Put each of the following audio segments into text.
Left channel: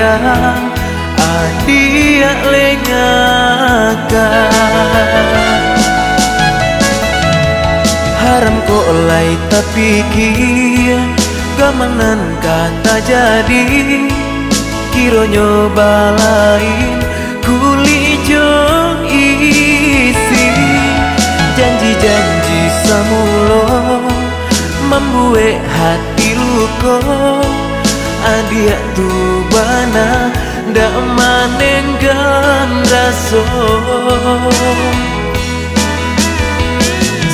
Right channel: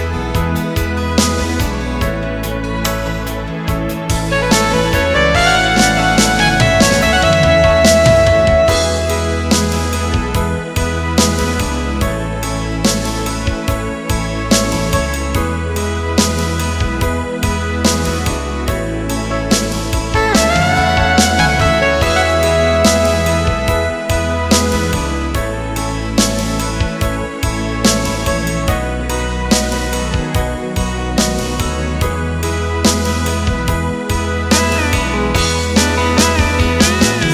sayang adia lengakan haram kok lai tapi kia gamanan kata jadi kiro nyoba lain kuli jong isi janji-janji samulo membuat hati luka adia tu bana ndak manen gandaso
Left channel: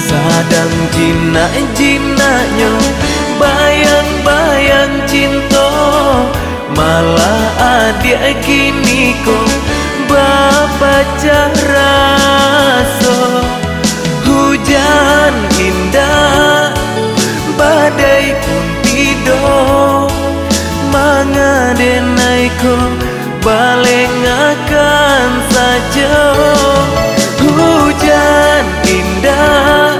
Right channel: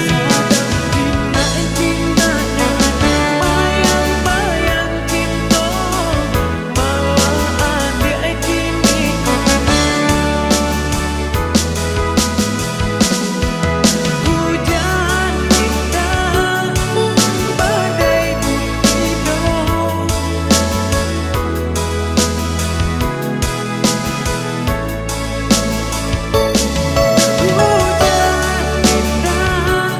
sadam jina-jinanya bayang-bayang cinta malah adia kini kok baca rasa hujan indah badai pun tidur mangadenai ko baleng akan saja hujan indah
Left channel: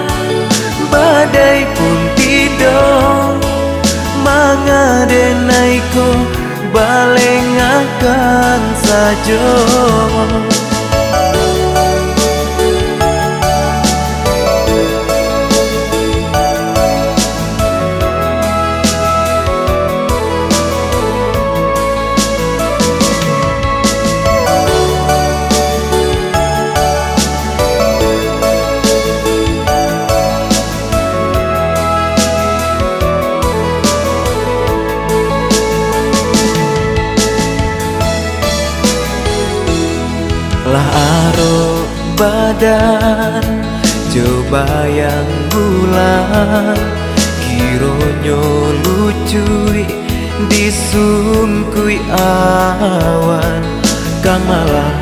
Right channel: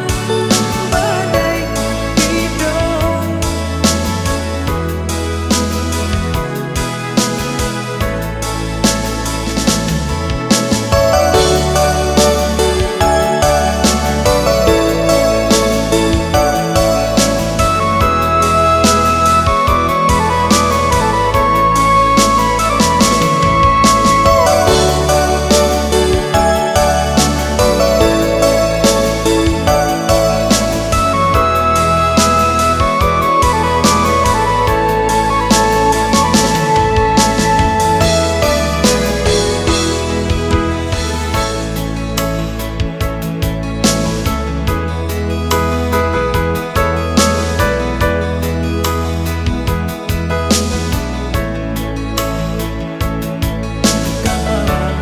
badai pun tidur mangadenai ko baleng akan saja. Coba yang bulan kironyo lucui disungkui awan kang malah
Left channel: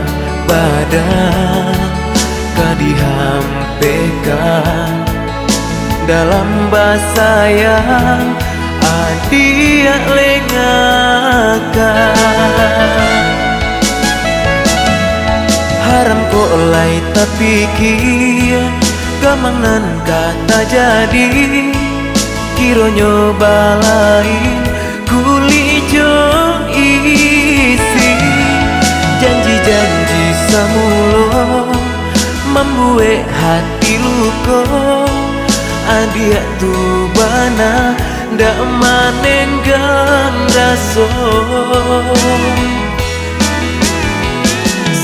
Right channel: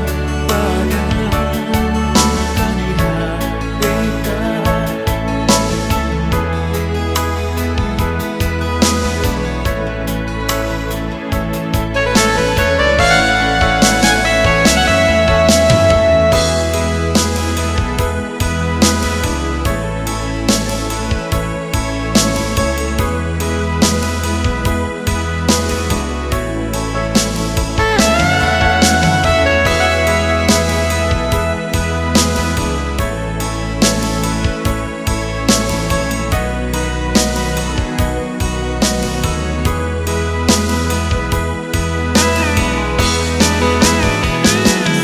badan kadihampekan dalam bahasa yang adia lengakan haram kok lai tapi kia gamanan kata jadi kiro nyoba lain kuli jong isi janji-janji samulo membuat hati luka adia tu bana ndak manen gandaso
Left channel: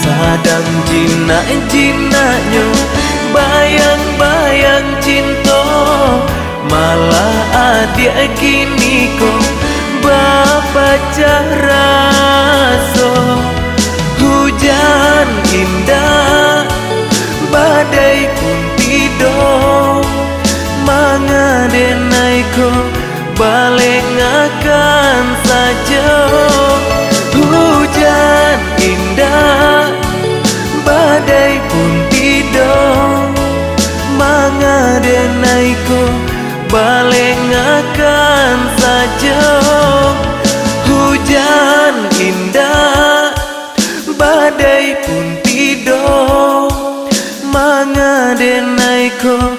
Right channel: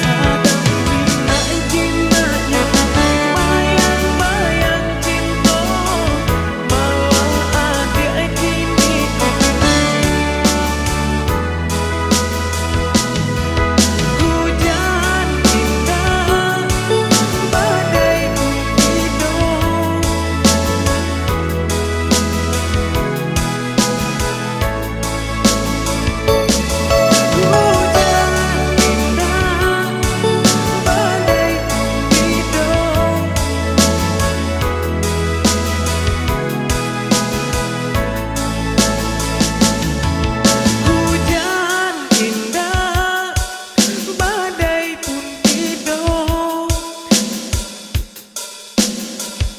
sadam jina-jinanya bayang-bayang cinta malah adia kini kok baca rasa hujan indah badai pun tidur mangadenai ko baleng akan saja hujan indah badai pun tidur mangadenai ko baleng akan saja hujan indah badai pun tidur mangadenai ko